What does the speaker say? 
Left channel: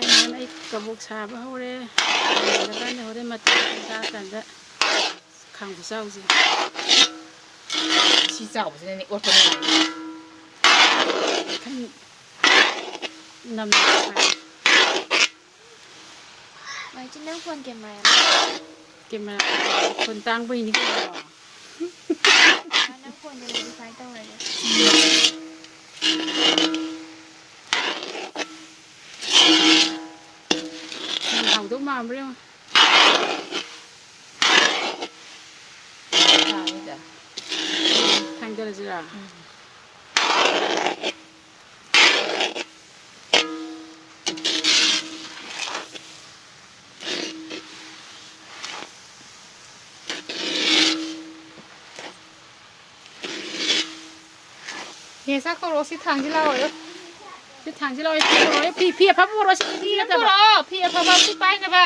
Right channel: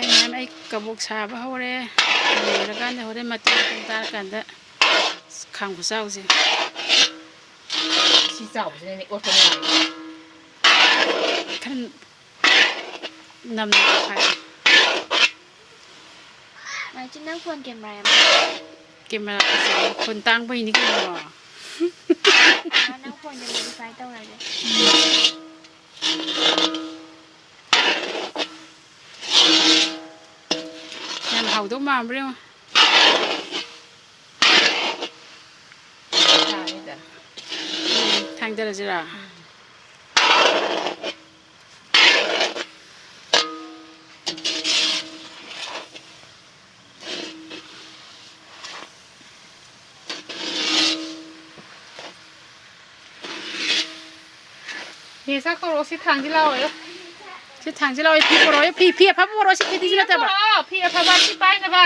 ꯍꯌꯦꯡ ꯑꯩ ꯀꯕꯣꯛ ꯁꯥꯕ ꯍꯧꯔꯦ ꯂꯣꯏꯔꯀꯥꯟꯗ ꯍꯣꯔꯦꯟ ꯃꯇꯨꯡ ꯇꯥꯔꯀꯥꯟꯗ ꯈꯥꯡ ꯈꯨꯠꯆꯥꯎꯁꯦ ꯁꯤ ꯆꯥꯎꯕꯁꯤꯅꯅꯦ ꯑꯣꯠꯄꯅꯦ ꯈꯔ ꯅꯝꯅ ꯊꯥꯏ ꯃꯥꯏꯆꯤ ꯅꯪ ꯐꯣꯟ ꯀꯦꯃꯦꯔꯥ ꯀꯦꯃꯦꯔꯥ ꯐꯣꯟ ꯇꯥꯡꯕꯩꯅꯤ ꯀꯩꯅꯣ ꯅꯪ ꯐꯣꯟꯗꯣ ꯃꯣꯗꯤꯐꯥꯏ ꯇꯧꯔꯒꯦ ꯌꯥꯝ ꯍꯥꯎꯗꯧ ꯃꯥꯟꯕ꯭ꯔꯥ ꯌꯦꯡꯉꯣ ꯊꯥꯡꯗꯔꯁꯤꯔꯥ ꯍꯦꯁꯥ ꯀꯧꯔꯣ ꯁꯤ ꯊꯥꯡꯁꯤ ꯂꯥꯛꯑꯣ ꯁꯤ ꯊꯥꯡꯁꯤ ꯂꯥꯛꯑꯣ ꯐꯤ ꯄꯨꯔꯛꯑꯣ ꯐꯤ ꯑꯐꯕ ꯄꯨꯔꯛꯑꯣ ꯁꯤ ꯐꯤꯗꯤꯁꯤ ꯅꯠꯇꯕ ꯐꯤ ꯑꯐꯕ ꯁꯤ ꯄꯥꯏꯅꯕ